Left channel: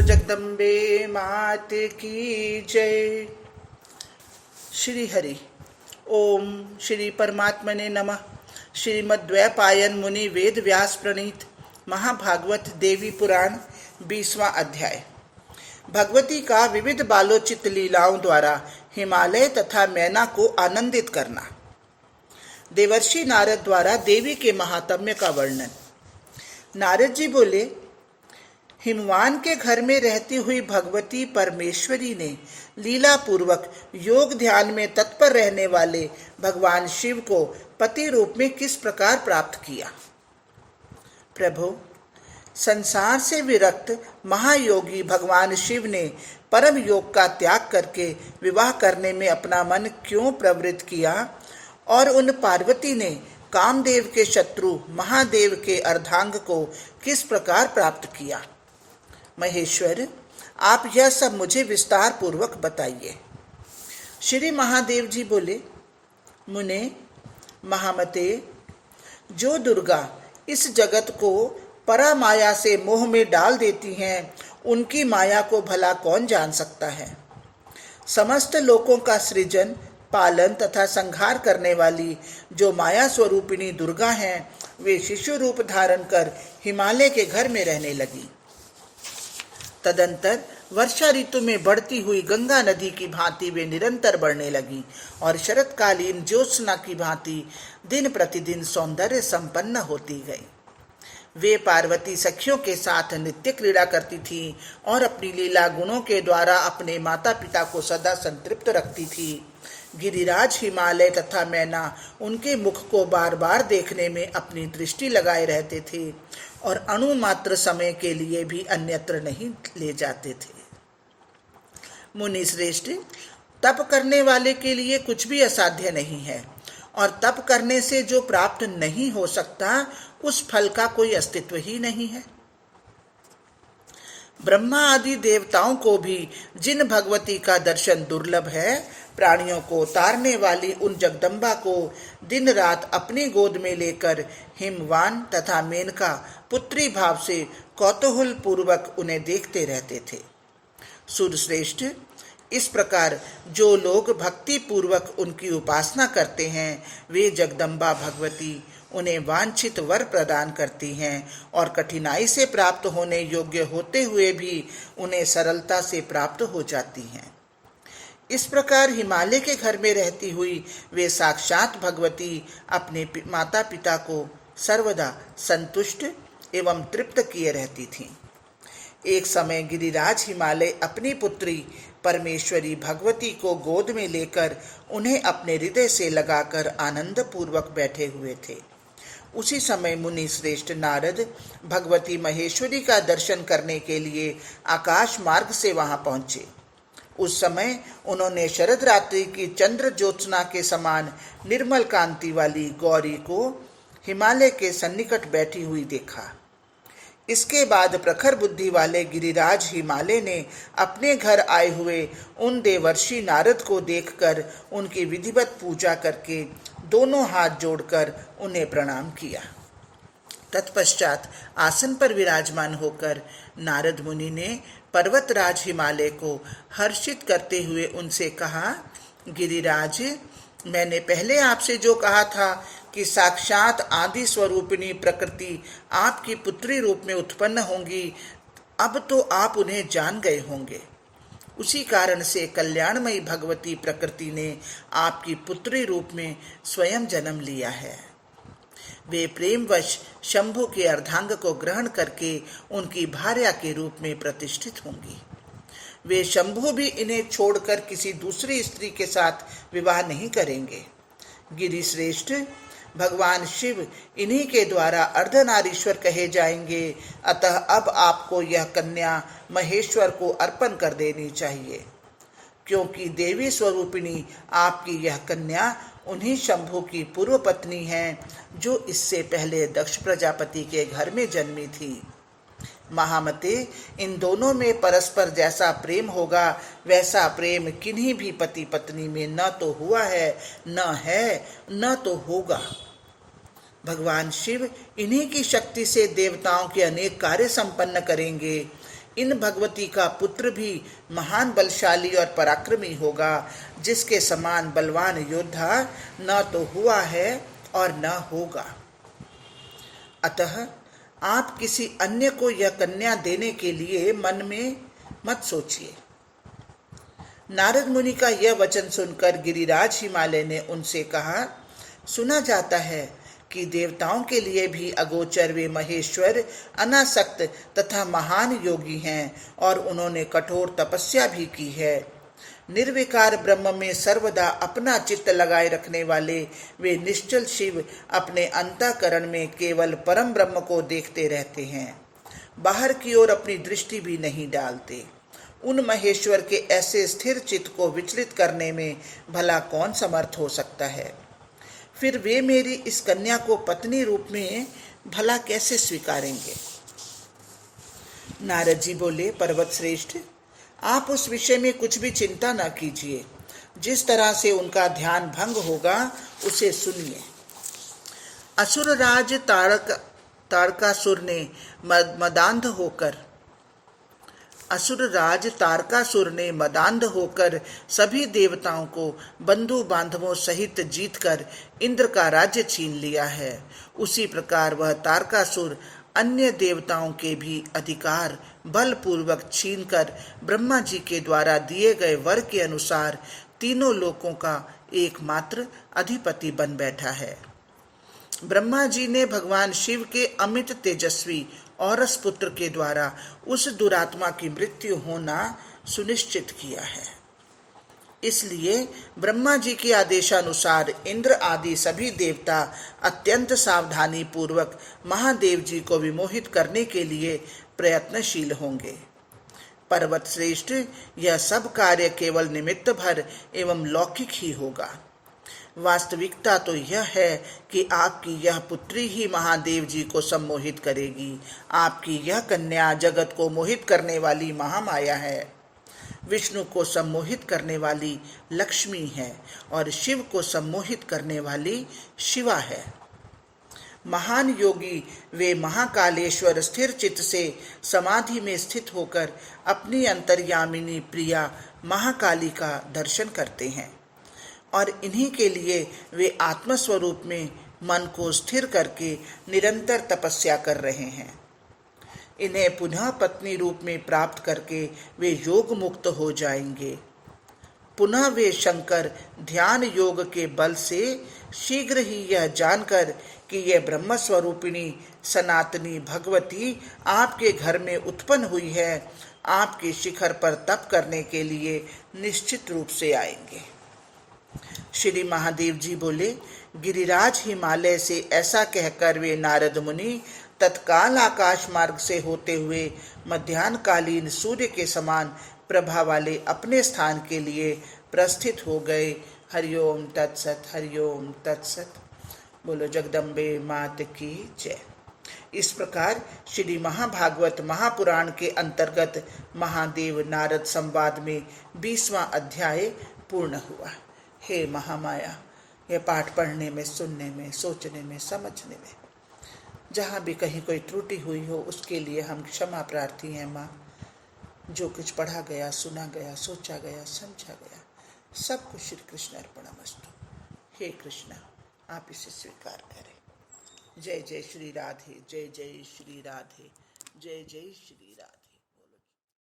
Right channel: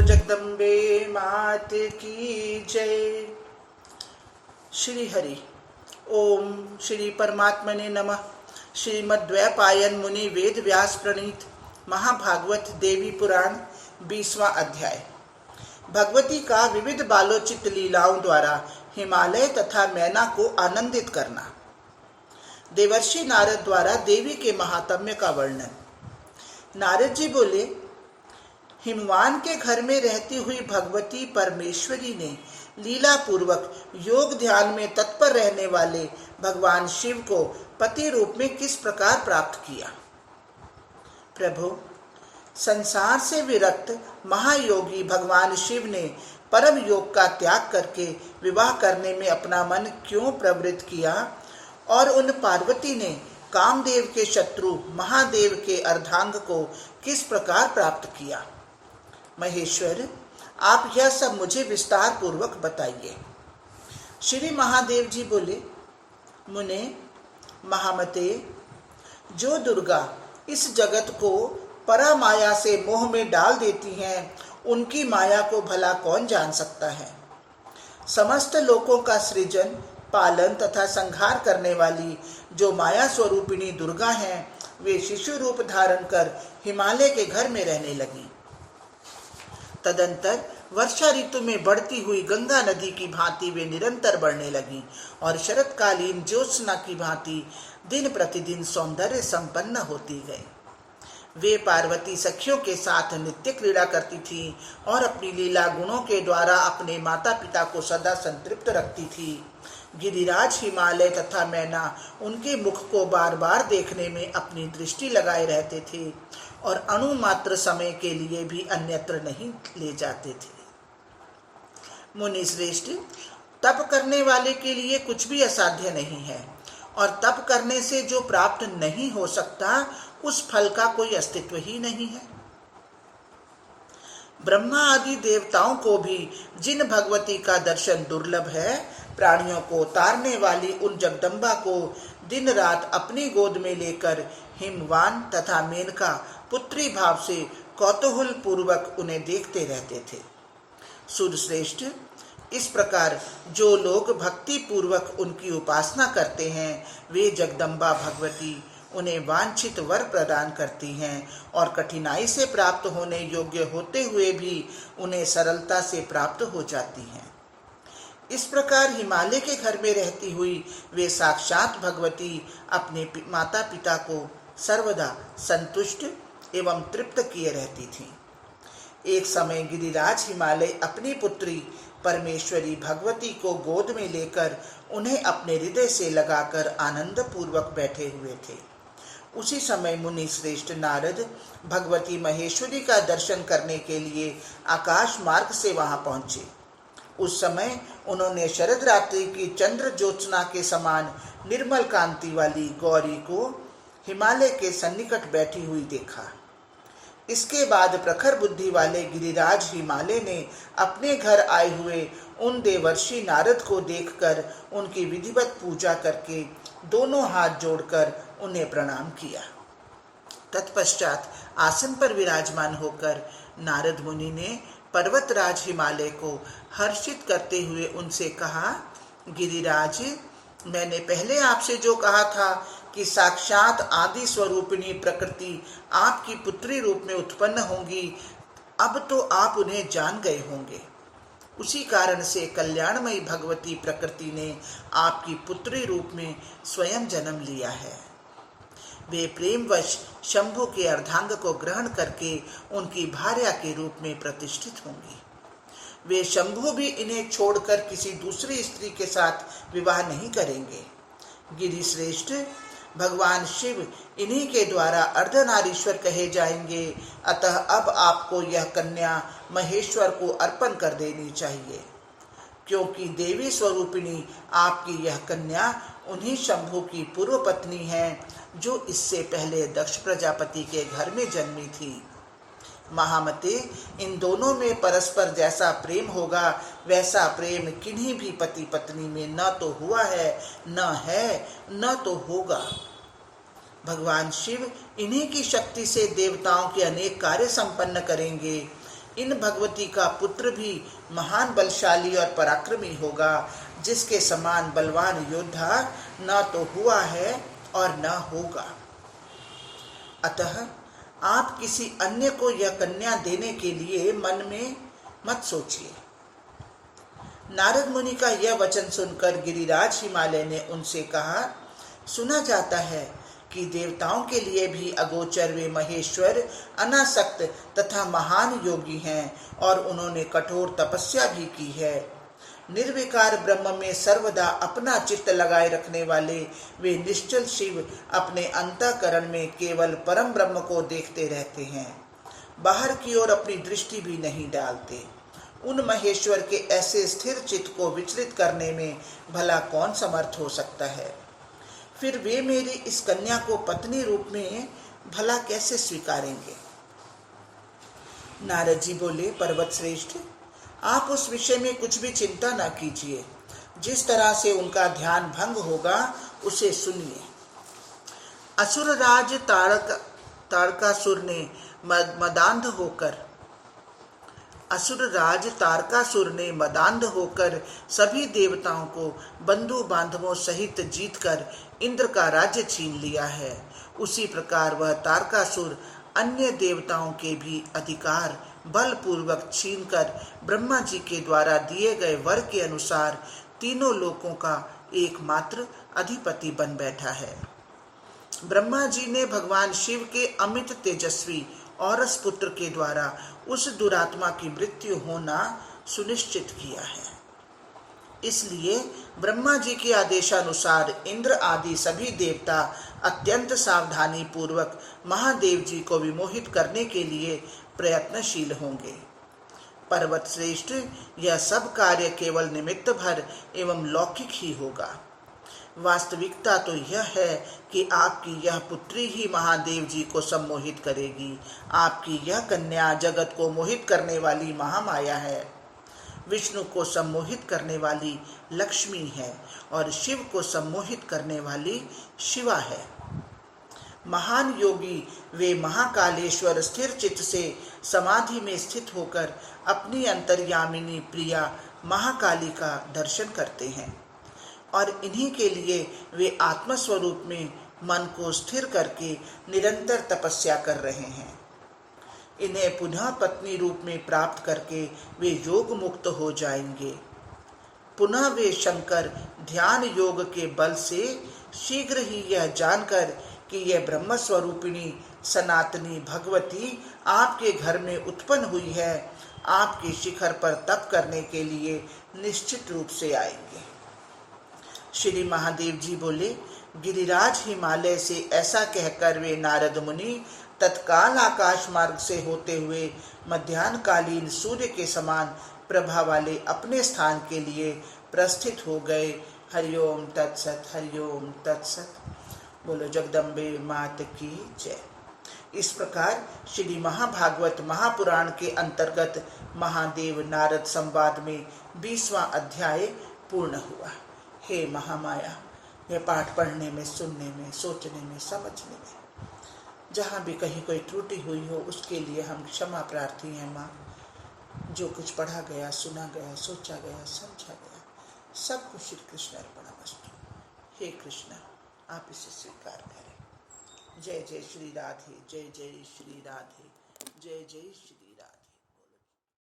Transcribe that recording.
बोलो जगदम्बे मात की जय। श्री हरि ओम श्री परमात्मने नमः। श्रीमद्वैपायन मुनि वेद व्यास प्रणीत महाभागवत देवी पुराण 20वां अध्याय। भगवती का विविध बालोचित लीलाओं द्वारा हिमालय तथा मैना को आनंदित करना। देवर्षि नारद द्वारा देवी के महात्म्य का वर्णन। नारद जी बोले, हिमवान के घर में रहती हुई भगवती परमेश्वरी ने लीला पूर्वक योग ध्यान में तत्पर रहने वाले भगवान शिव को पति रूप में किस प्रकार प्राप्त किया। प्रभु, संसार से विरक्त महायोगी भगवान शिव ने परम योग का त्याग करके विवाह करने में अपना मन क्यों प्रवृत्त किया और उन पार्वती ने कामदेव के शत्रु महादेव के अर्धांग को किस प्रकार प्राप्त किया। महेश्वर, आप यह सब मुझे विस्तार पूर्वक बताइए। श्री महादेव जी बोले, मुने महामते, जो दुर्गा इस जगत को परा माया से मोह में डाल देती हैं, उनकी माया को भला कौन जान सकता है। समस्त लोकों का सृजन, पालन तथा संहार करने वाली जो माया स्वरूपिणी दुर्गा हैं, वे शिशु रूप धारण कर हिमालय के घर में रहने लगी। तदंतर वर्षा ऋतु में बढ़ती हुई गंगा नदी की भांति वे निरंतर बढ़ने लगी और शरतकालीन ज्योत्सना की भांति दिन प्रतिदिन सौंदर्य संपन्न होती गई। वे पार्वती सखियों के साथ नित्य क्रीड़ा करती थीं और अपनी लीला गुणों के द्वारा अपने माता पिता को सदा संतृप्त रखती थी। गिरिराज, हिमालय तथा मैना उनके मुख को बार बार देखने में अपनी दृष्टि लगाए रहते थे और अणु मात्र समय के लिए भी अन्यत्र नहीं ले जाते थे। मुनि श्रेष्ठ, तप करने वाले के लिए कुछ भी असाध्य नहीं है और तप करने से जो प्राप्त नहीं हो सकता, उस फल का कोई अस्तित्व ही नहीं है। ब्रह्मा आदि देवताओं को भी जिन भगवती का दर्शन दुर्लभ है, प्राणियों को तारने वाली उन जगदम्बा को दिन रात अपनी गोद में लेकर हिमवान तथा मेनका पुत्री भाव से कौतूहल पूर्वक उन्हें देखते रहते थे। सूर्यश्रेष्ठ, इस प्रकार जो लोग भक्ति पूर्वक उनकी उपासना करते हैं, वे जगदम्बा भगवती उन्हें वांछित वर प्रदान करती हैं और कठिनाई से प्राप्त होने योग्य होते हुए भी उन्हें सरलता से प्राप्त हो जाती हैं। इस प्रकार हिमालय के घर में रहती हुई वे साक्षात भगवती अपने माता पिता को सर्वदा संतुष्ट एवं तृप्त किए रहती थीं। एक समय गिरिराज हिमालय अपनी पुत्री परमेश्वरी भगवती को गोद में लेकर उन्हें अपने हृदय से लगाकर आनंद पूर्वक बैठे हुए थे। उसी समय मुनि श्रेष्ठ नारद भगवती महेश्वरी का दर्शन करने के लिए आकाश मार्ग से वहां पहुंचे। उस समय उन्होंने शरद रात्रि की चंद्र ज्योत्सना के समान निर्मल कांति वाली गौरी को हिमालय के सन्निकट बैठी हुई देखा। इसके बाद प्रखर बुद्धि वाले गिरिराज हिमालय ने अपने घर आए हुए उन देवर्षि नारद को देखकर उनकी विधिवत पूजा करके दोनों हाथ जोड़कर उन्हें प्रणाम किया। तत्पश्चात आसन पर विराजमान होकर नारद मुनि ने पर्वतराज हिमालय को हर्षित करते हुए उनसे कहा, गिरिराज, मैंने पहले आपसे जो कहा था कि साक्षात आदि स्वरूपिणी प्रकृति आपकी पुत्री रूप में उत्पन्न होंगी, अब तो आप उन्हें जान गए होंगे। उसी कारण से कल्याणमयी भगवती प्रकृति ने आपकी पुत्री रूप में स्वयं जन्म लिया है। वे प्रेमवश शंभु के अर्धांग को ग्रहण करके उनकी भार्या के रूप में प्रतिष्ठित होंगी। वे शंभु भी इन्हें छोड़कर किसी दूसरी स्त्री के साथ विवाह नहीं करेंगे। गिरिश्रेष्ठ, भगवान शिव इन्हीं के द्वारा अर्धनारीश्वर कहे जाएंगे, अतः अब आपको यह कन्या महेश्वर को अर्पण कर देनी चाहिए, क्योंकि देवी स्वरूपिणी आपकी यह कन्या उन्हीं शंभु की पूर्व पत्नी है, जो इससे पहले दक्ष प्रजापति के घर में जन्मी थी। महामते, इन दोनों में परस्पर जैसा प्रेम होगा, वैसा प्रेम किन्हीं भी पति पत्नी में न तो हुआ है, न तो होगा। भगवान शिव इन्हीं की शक्ति से देवताओं के अनेक कार्य संपन्न करेंगे। इन भगवती का पुत्र भी महान बलशाली और पराक्रमी होगा, जिसके समान बलवान योद्धा न तो हुआ है और न होगा। अतः आप किसी अन्य को यह कन्या देने के लिए मन में मत सोचिए। नारद मुनि का यह वचन सुनकर गिरिराज हिमालय ने उनसे कहा, सुना जाता है कि देवताओं के लिए भी अगोचर वे महेश्वर अनासक्त तथा महान योगी हैं और उन्होंने कठोर तपस्या भी की है। निर्विकार ब्रह्म में सर्वदा अपना चित्त लगाए रखने वाले वे निश्चल शिव अपने अंतःकरण में केवल परम ब्रह्म को देखते रहते हैं, बाहर की ओर अपनी दृष्टि भी नहीं डालते। उन महेश्वर के ऐसे स्थिर चित्त को विचलित करने में भला कौन समर्थ हो सकता है। फिर वे मेरी इस कन्या को पत्नी रूप में भला कैसे स्वीकारेंगे। नारद जी बोले, पर्वत श्रेष्ठ, आप उस विषय में कुछ भी चिंता न कीजिए। जिस तरह से उनका ध्यान भंग होगा उसे सुनिए। असुरराज तारकासुर ने मदांध होकर सभी देवताओं को बंधु बांधवों सहित जीतकर इंद्र का राज्य छीन लिया है। उसी प्रकार वह तारकासुर अन्य देवताओं के भी अधिकार बलपूर्वक छीनकर ब्रह्मा जी के द्वारा दिए गए वर के अनुसार तीनों लोकों का एकमात्र अधिपति बन बैठा है। ब्रह्मा जी ने भगवान शिव के अमित तेजस्वी औरस पुत्र के द्वारा उस दुरात्मा की मृत्यु होना सुनिश्चित किया है। इसलिए ब्रह्मा जी के आदेशानुसार इंद्र आदि सभी देवता अत्यंत सावधानी पूर्वक महादेव जी को विमोहित करने के लिए प्रयत्नशील होंगे। पर्वत श्रेष्ठ, यह सब कार्य केवल निमित्त भर एवं लौकिक ही होगा। वास्तविकता तो यह है कि आपकी यह पुत्री ही महादेव जी को सम्मोहित करेगी। आपकी यह कन्या जगत को मोहित करने वाली महामाया है, विष्णु को सम्मोहित करने वाली लक्ष्मी है और शिव को सम्मोहित करने वाली शिवा है। महान योगी वे महाकालेश्वर स्थिर चित्त से समाधि में स्थित होकर अपनी अंतर्यामिनी प्रिया महाकाली का दर्शन करते हैं और इन्हीं के लिए वे आत्मस्वरूप में मन को स्थिर करके निरंतर तपस्या कर रहे हैं। इन्हें पुनः पत्नी रूप में प्राप्त करके वे योग मुक्त हो जाएंगे। पुनः वे शंकर ध्यान योग के बल से शीघ्र ही यह जानकर कि यह ब्रह्म स्वरूपिणी सनातनी भगवती आपके घर में उत्पन्न हुई है, आपके शिखर पर तप करने के लिए निश्चित रूप से आएंगे। श्री महादेव जी बोले, गिरिराज हिमालय से ऐसा कहकर वे नारद मुनि तत्काल आकाश मार्ग से होते हुए मध्याह्नकालीन सूर्य के समान प्रभा वाले अपने स्थान के लिए प्रस्थित हो गए। हरिओम तत्सत, हरिओम तत्सत। बोलो जगदम्बे मात की जय। इस प्रकार श्री महाभागवत महापुराण के अंतर्गत महादेव नारद संवाद में 20वां अध्याय पूर्ण हुआ। हे महामाया, यह पाठ पढ़ने में, सुनने में, सोचने में, समझने में जहाँ भी कहीं कोई त्रुटि हुई हो उसके लिए हम क्षमा प्रार्थी हैं माँ। जो कुछ पढ़ा गया, सुना गया, सोचा गया, समझा गया, सब कुछ श्री कृष्ण अर्पणमस्तु। हे कृष्ण, आप इसे स्वीकार करें। जय जय श्री राधे, जय जय श्री राधे, जय जय श्री राधे।